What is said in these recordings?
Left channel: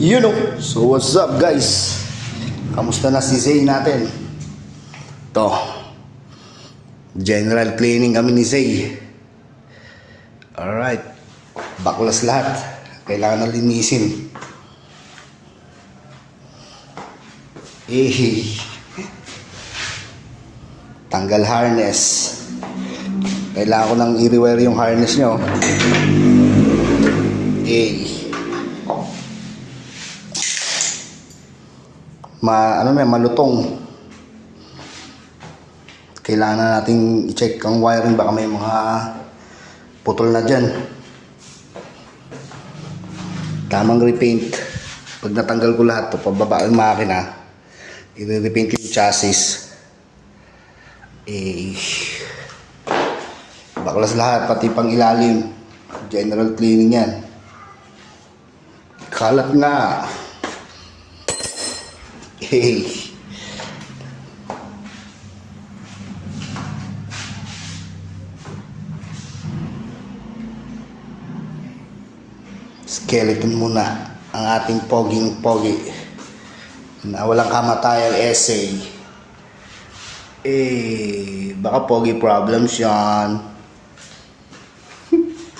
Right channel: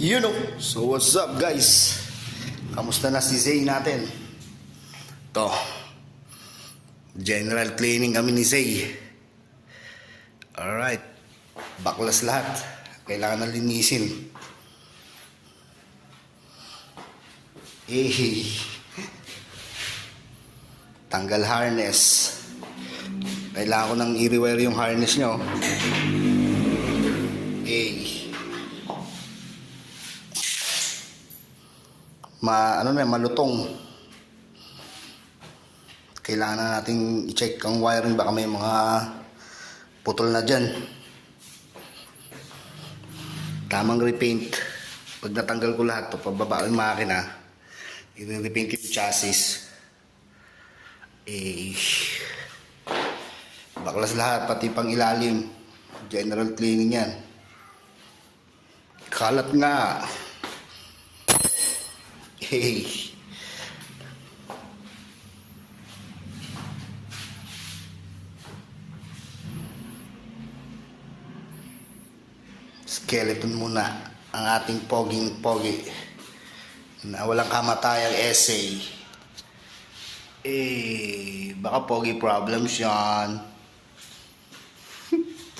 You know, so what's up guys? Kamusta na si Zay natin? To, general cleaning kami ni Zay. Alright, baklas lahat. Kailangan na linisin. Tanggal harness. Kailangan ko nang i-rewire yung harness nyo. Malutong. Kailangan na nating i-check ang wiring, baka may mga putol na dyan. Tamang repaint. Pag natanggal ko lahat to, pababa ang makina, i-repaint yung chassis. Baklas lahat, pati pang ilalim. General cleaning yan. Kalat nga. Skeleton muna ang ating poging-pogi na walang kamatayang essay. Baka pogi problems yan.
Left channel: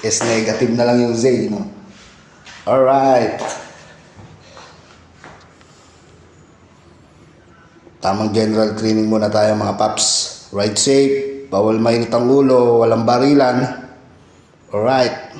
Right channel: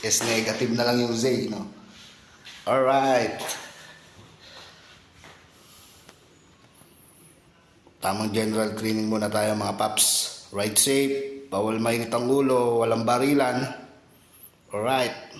S negative na lang yung Z, no? Alright. Tamang general cleaning muna tayo mga paps. Ride safe, bawal mainit ang ulo, walang barilan. Alright.